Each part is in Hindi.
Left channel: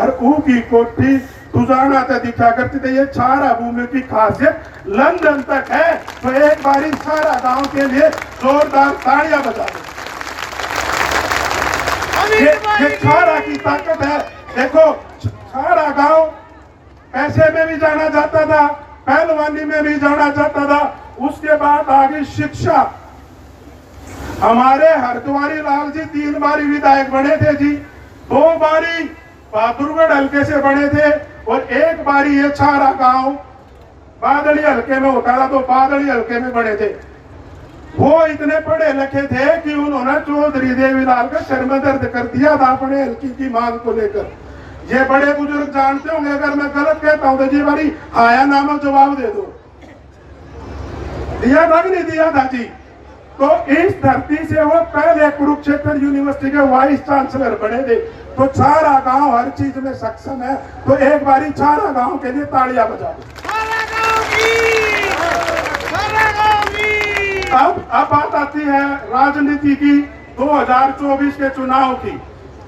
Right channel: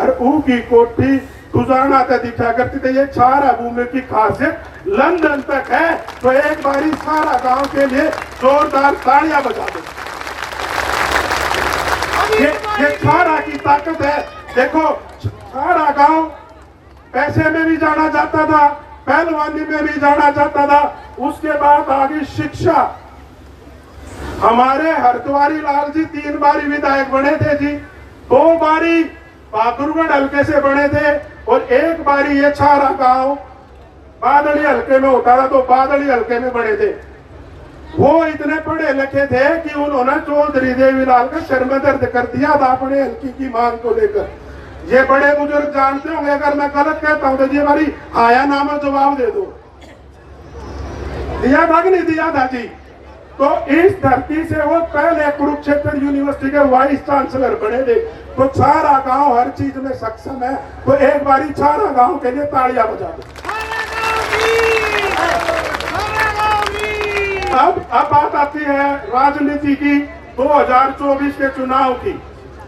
और ऊ की कोठी गुजारना तक दिखा करती थी। ये सारा भूमि की खासियत लंदन तक है। तो एक बारी सारा गांव के लिए जोरदार तालियां बजा दो। ये सारा की ताकत है। देखो सारा गांव पैसे में भी जाना जाता था, पहलवानी में भी जाना जाता था। उसके बाद आगे शिक्षा। हमारे हरद्वारी लाल जी 3 बारी विधायक बने थे जी, 2 बारी बहादुरगढ़ हल्के से बने थे और 1 बारी ये सारा गांव बादली हल्के में होता था, तो बादली हल्के में बने थे। वो इतने पढ़े लिखे थे कि उन्होंने चौधरी देवीलाल का सर में दर्द कर दिया था अपने हल्की की मांग को लेकर। ये बड़े बुजुर्ग जानते होंगे, अगर मैं गलत कहता हूं तो जी बारी आया नाम जवाब दे दो। दिया था कि नहीं दिया था जी? तो इस धरती से वो पहले कुरुक्षेत्र यूनिवर्सिटी के वाइस चांसलर बने थे। तो सारा गांव हर चीज में सक्षम है। तो एक बारी सारा गांव के लिए तालियां बजा दो। अब बात आती है राजनीति की, 2024 के चुनाव की।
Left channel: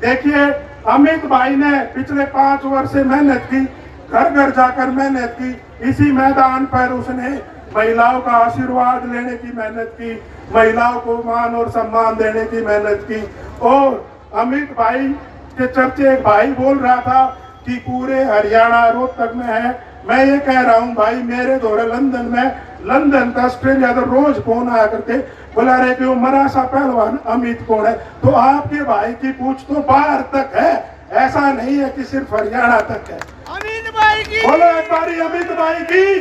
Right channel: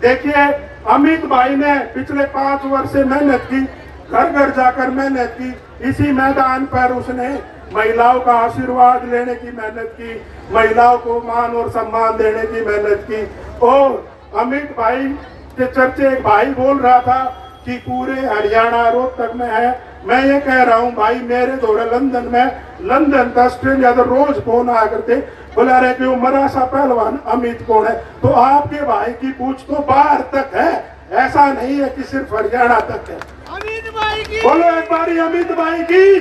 देखिए अमित भाई ने पिछले 5 वर्ष से मेहनत की, घर घर जाकर मेहनत की। इसी मैदान पर उसने महिलाओं का आशीर्वाद लेने की मेहनत की, महिलाओं को मान और सम्मान देने की मेहनत की। और अमित भाई के चर्चे एक भाई बोल रहा था कि पूरे हरियाणा रोहतक में है। मैं ये कह रहा हूँ भाई, मेरे दौरे लंदन में, लंदन का ऑस्ट्रेलिया तो रोज फोन आया करते, बोला रहे कि वो मरासा पहलवान अमित कौन है। तो आपके भाई की पूछ तो बाहर तक है, ऐसा नहीं है कि सिर्फ हरियाणा तक है। अमित भाई की बोलो एक बारी अमित भाई की।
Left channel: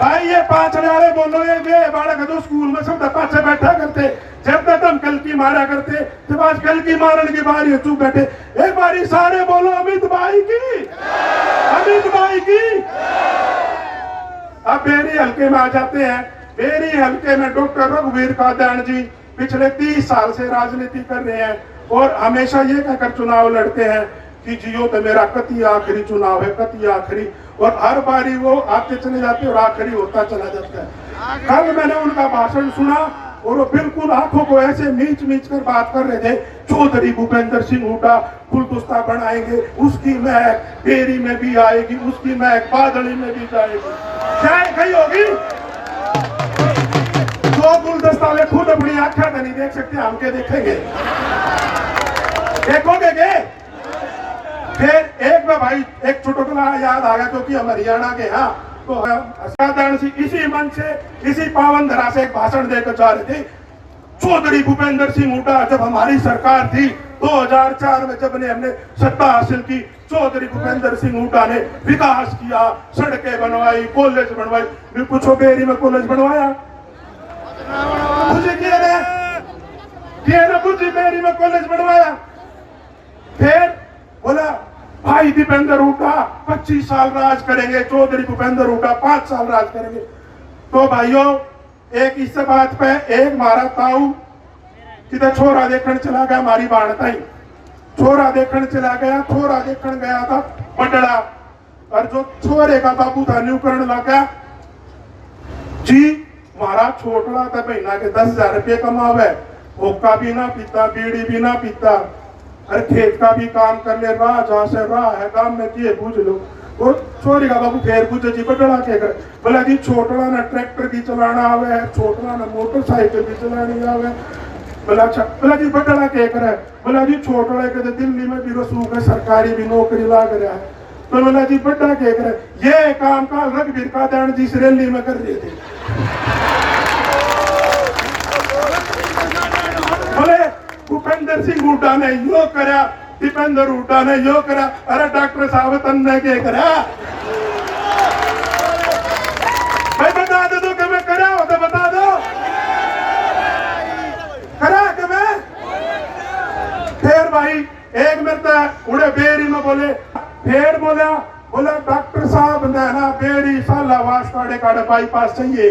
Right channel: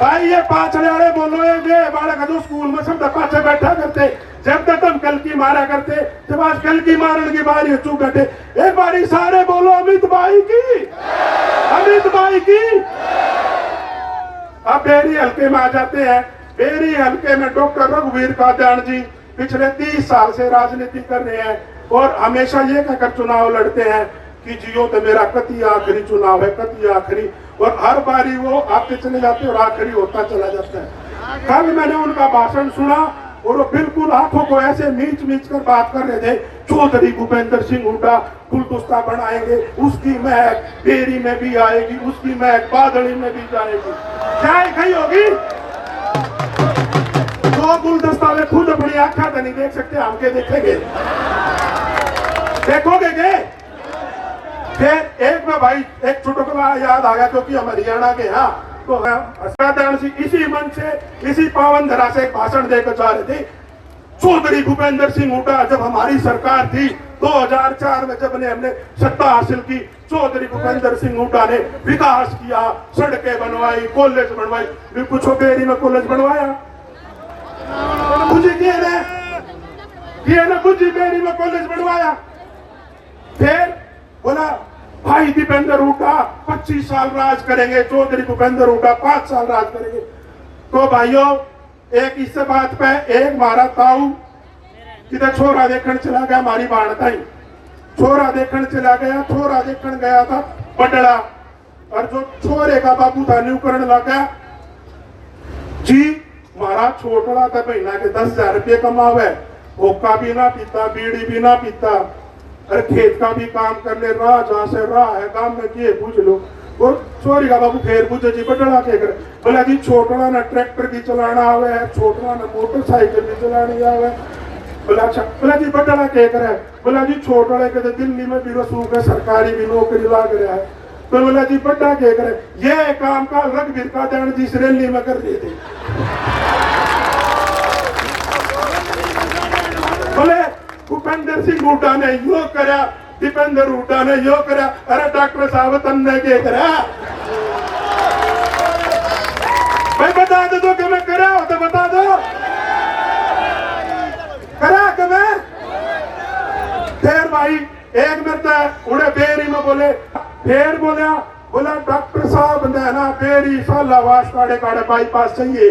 भाई ये पाछड़े वाले बोलो, ये बालक तो स्कूल में सब पाछे बैठा करते, जब तक हम कल की मारा करते, जब आज कल की मारने की बारी चुप बैठे। एक बारी सारे बोलो अमित भाई की, अमित भाई की। अब बेरी हल्के में आ जाते हैं। बेरी हल्के में डॉक्टर रघुवीर कादयान जी पिछले 30 साल से राजनीति कर रहे हैं और हमेशा ये कहकर चुनाव लड़ते हैं कि जियो तो मेरा कति आखिरी चुनाव है, कति आखिरी। और हर बारी वो आते चले जाते और आखिरी होता चला जाता है। कल मैंने उनका भाषण सुना और वो बिल्कुल आंखों को ऐसे मीच मीच कर बात कर रहे थे। चौधरी भूपेंद्र सिंह हुड्डा गुलदस्ता बनाएंगे, उसकी महक बेरी में भी आएगी, उसकी महक बादली में भी जाएगी। चाहे कहीं होगी तो गुलदस्ता में खुद अपनी आंखा नहीं देख सकते, हम के देखेंगे? देखोगे के? फिर एक में भाई एक चुटकुला याद आ गया क्योंकि हम हरियाणा के। हाँ, तो कादयान जी इसी मन से, इसी पावन धरा से एक भाषण देकर जा रहे थे। चौधरी भूपेंद्र सिंह हुड्डा जब हमारी सरकार थी 2004 में, जब हमने सत्ता हासिल की, चौधरी भूपेंद्र सिंह हुड्डा ने विकास किया, सड़कें बनवाई, कॉलेज बनवाई। फिर कुछ बेरी में कॉलेज बनवाया, कुछ किया ना, कुछ बेरी में कॉलेज बनवाया। फिर बोला भाई दीपेंद्र हुड्डा 25 साल राज करेंगे, चौधरी भूपेंद्र हुड्डा 5 साल राज करेंगे। तो भाइयों एक इस बात पे एक मारा ताऊ जिधर छोरा देखने चला गया, हमारी बाणता ही छोरा देखने चला गया। छोरा देखने गया था बडड़ा, और जो छोरे का बाबू था न्यूकरण लगा जी, मारा छोटा था महीना के 10,000 रुपये कमावे, होका भी ना पीता, बीड़ी भी ना पीता, अरे खेत का भी काम कर ले, राह जहाँ से राह है गांव में किए पूछ लो। और छोरी का बाबू फिर पूछे जी बडड़ा के कर, बोला जी छोटड़ा ना ट्रैक्टर की चलाना आवे है, छोटड़ा ना मोटरसाइकिल भी चलानी आवे। बोला अच्छा, बोला जी बडड़ा के करे, बोला जी छोटड़े के दिल्ली में भी रसूख है, सरकारी भी नौकरी लाग रहा है। तो बोला जी बड्डा के करे, ये काम का रघुवीर कादयान जी रैली में कर रहे थे। बोले भूपेंद्र सिंह हुड्डा ने यो करा, दीपेंद्र हुड्डा ने यो करा, अरे डॉक्टर साहब तन्ने के करा। भाई बता दो तो कि मैं करा हो तो बता दो, करा कि मैं? फिर भाई एक मिनट उड़े बेरी में बोले, फिर बोला डॉक्टर साहब ने ना बेरी सालावास काड़े बाईपास चाहिए।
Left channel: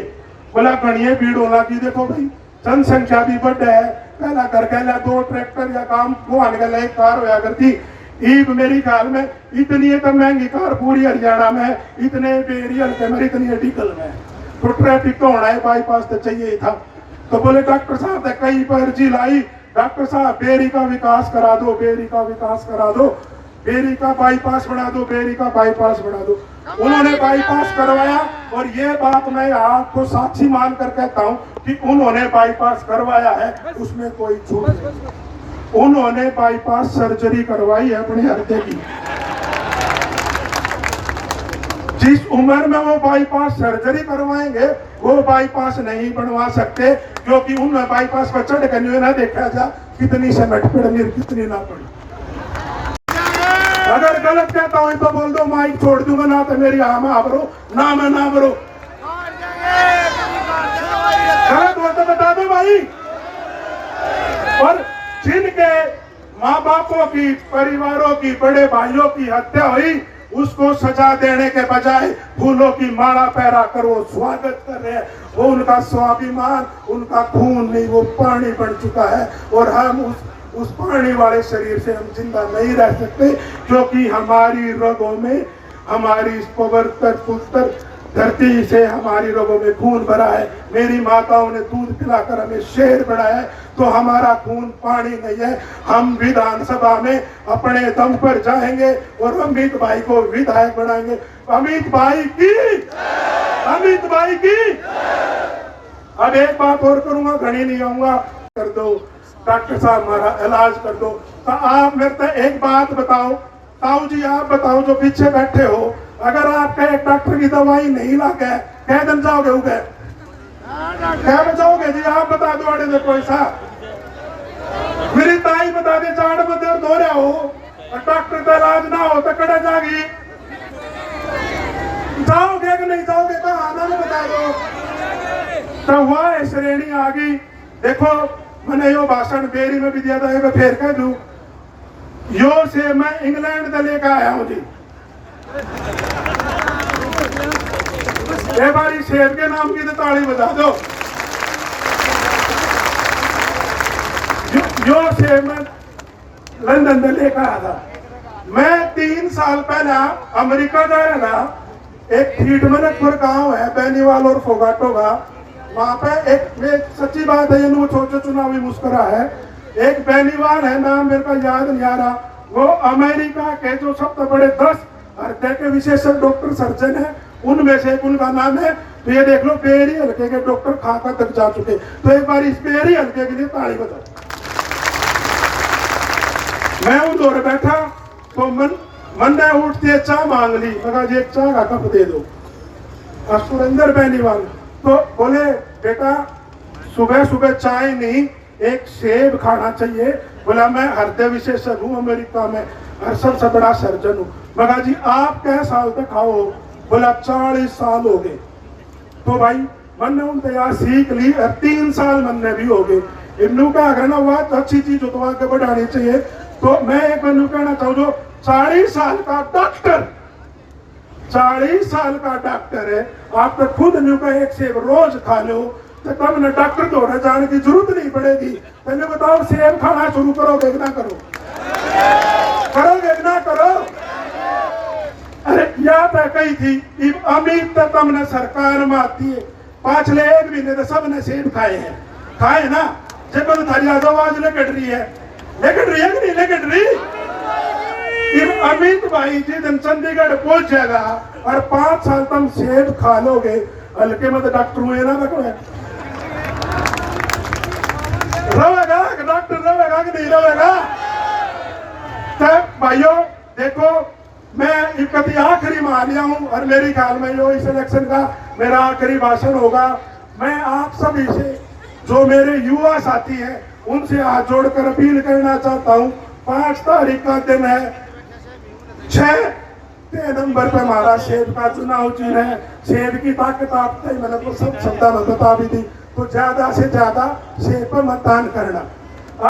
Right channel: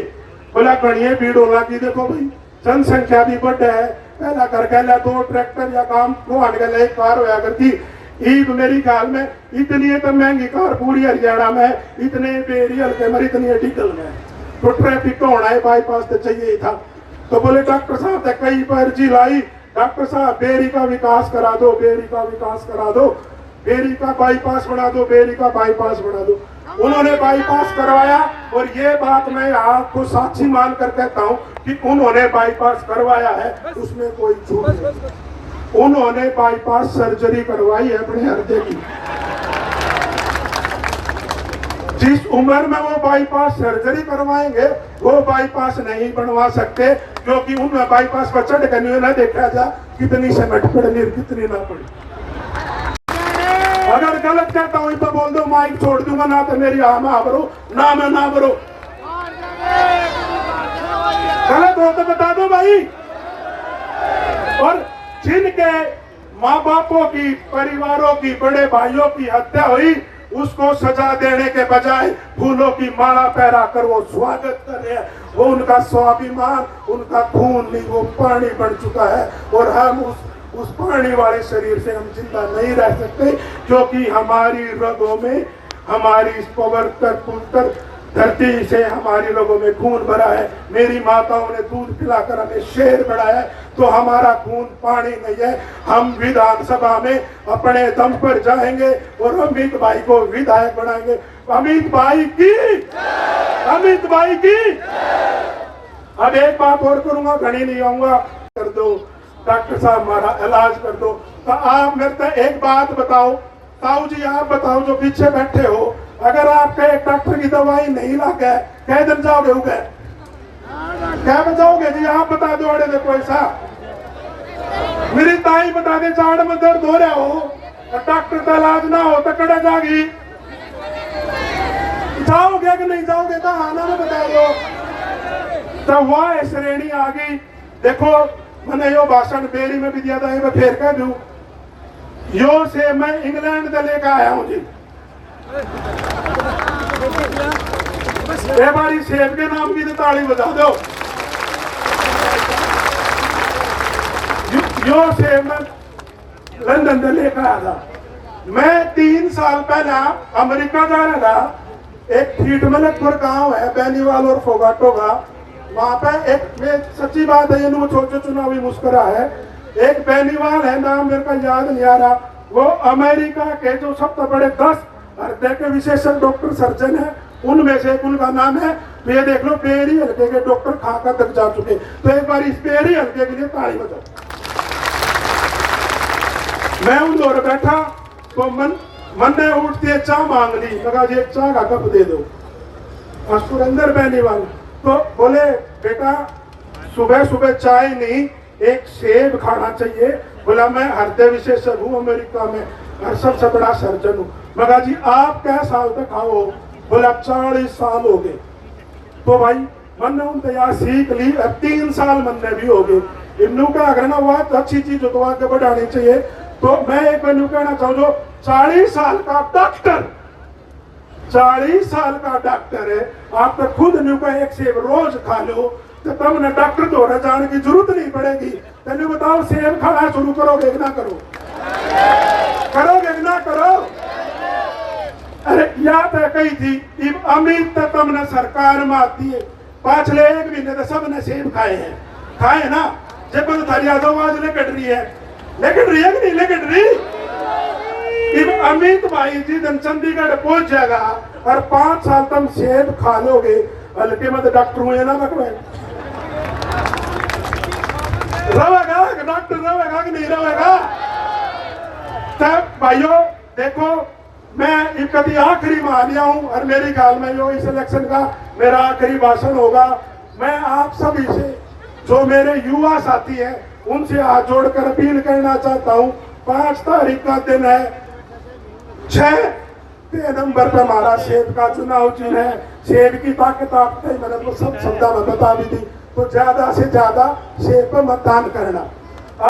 बोला गणिये भीड़ होना की, देखो भाई जनसंख्या भी बढ़ है, पहला कर कहला 2 ट्रैक्टर या काम घुमाने का एक कार होया करती। ईद मेरी ख्याल में इतनी तो महंगी कार पूरी हरियाणा में, इतने बेरी हल्के में, इतनी डिकल में, तो ट्रैफिक तो होना है, बाईपास तो चाहिए था। तो बोले डॉक्टर साहब ने कई पर अर्जी लाई, डॉक्टर साहब बेरी का विकास करा दो, बेरी का विकास करा दो। बेरी का बाईपास बना दो, बेरी का बाईपास बना दो। उन्होंने बाईपास करवाया और ये बात मैं आपको साक्षी मान कर कहता हूं कि उन्होंने बाईपास करवाया है, उसमें कोई झूठ नहीं। उन्होंने बाईपास सर्जरी करवाई है अपने हृदय की। जिस उम्र में वो बाईपास सर्जरी करवाएंगे वो बाईपास नहीं बनवा सकते, क्योंकि उन बाईपास पर चढ़ कर ना देखा जा कितनी समय पड़नी कितनी ना पड़ी। अगर गलत कहता हूं तो बोल दो, माइक छोड़ दूंगा, ना तो मेरी आमा भरो ना मैं ना भरो। गलत हो तो बता दो भाई। और जिनके माँ बापों की, परिवारों की, बड़े भाइयों की हत्या हुई, उसको सजा देने के बजाय फूलों की माला पहरा कर वो स्वागत कर रहे हैं। वो उनका स्वाभिमान, उनका खून नहीं, वो पानी बन चुका है। और हम उस पानी वाले शरीर से हम जिंदा नहीं रह सकते, क्योंकि हमारी रगों में, हमारी इस पवित्र पुत्र धरती से हमारी रगों में खून भरा है। मेरी माताओं ने दूध पिलाकर हमें शेर बनाया है, तो हमारा खून पानी नहीं है। हम विधानसभा में अपने दम पर जाएंगे और अमित भाई को विधायक बनाएंगे। अमित भाई की, अमित भाई की। अब एक बात और करूंगा, घड़ी नहीं आऊंगा, कर दो डॉक्टर साहब हमारा इलाज कर दो। तो आप मेरे को एक बात बताओ, ताऊ जी आप बताओ जो पीछे बैठे हो, अगर आपका एक डॉक्टर की दवाई नहीं लगे कह दिन जाओगे उगे, क्या बचाओगे जी? आप बता दो। अड़े में कोई सा मेरी ताई बता दे, जाड़ में दर्द हो रहा हो, डॉक्टर का इलाज ना हो तो कड़े जागी, जाओगे कि नहीं जाओगे? बहाना में बता दो। तो वह श्रेणी आ गई। देखो मैंने यो भाषण बेरी में भी दिया था, मैं फेर कह दू, यो से मैं इंग्लैंड से लेकर आया हूं जी। बारी सेब के नाम की तो ताली बजा दो। जो सेब मैं लंदन से लेकर आया था। मैं 3 साल पहला अमेरिका जा रहा था। एक ठीठमलकपुर गांव है बेनीवाल और फोगाटो का, वहां पे एक, में सच्ची बात है, ये छोटे चुनावी मुस्कुरा है, एक बेनीवाल है, नाम मेरे का याद नहीं आ रहा, वो अमेरिका के जो सबसे बड़े 10 हृदय के विशेषज्ञ डॉक्टर सर्जन है, उनमें से उनका नाम है। तो ये देख लो, पेरी हल्के के डॉक्टर खाका तक जा चुके। तो एक बार इस पेरी हल्के के लिए ताली बजाओ। मैं उधर बैठा तो मन ने उठती चाह मांग ली, मगर ये चाह का कप दे दो। और सुरेंद्र बेनीवाल तो बोले, बेटा सुबह सुबह चाय नहीं, एक सेब खाना चाहिए। बोला मैं हृदय विशेषज्ञ हूँ अमेरिका में और सबसे बड़ा सर्जन हूँ। मगर जी आप क्या साल तक खाओ? बोला 40 साल हो गए। तो भाई मन ने उन तैयार सीख ली, अब 3 साल मन ने भी हो गए। इन्नू का अगर ना बात अच्छी चीज हो तो आगे बढ़ानी चाहिए। तो मैं एक मेनू कहना चाहूँ, जो 40 साल का डॉक्टर, 40 साल का डॉक्टर है, आप तो खुद न्यू का एक सेब रोज खा लो तो तब न डॉक्टर दौड़ा जाने की जरूरत नहीं पड़ेगी। तेने बताओ सेब खाना शुरू करोगे ना करो? करोगे ना करो? अरे याद है कही थी अमित तो तुमने सरकार में आती है, पाछले 1 महीने तो सबने सेब खाए हैं, खाए ना? जब थारी आवाज लेकट रही है, लेकट रही है कि नहीं लेकट रही? अमित भाई जी दिन चंडीगढ़ पहुंच जाएगा और 5 साल तुम सेब खा लोगे, हल्के में तो डॉक्टर हुए ना रखवे रहेगा, डॉक्टर रहेगा कि नहीं रहेगा? तब भाइयों देखो, मैं कभी आखिरी में आ गया हूं और मेरी ख्याल में जो इस इलेक्शन का मेरा आखिरी भाषण होगा। मैं आप सभी से, जो मेरे युवा साथी हैं, उनसे हाथ जोड़कर अपील करना चाहता हूं। 5 तारीख का दिन है, 6 नंबर पे हमारा सेब का चुनाव चिन्ह है। सेब की ताकत आपको मैंने तो सब शब्द में बता भी दी, तो ज्यादा से ज्यादा सेब पर मतदान करना।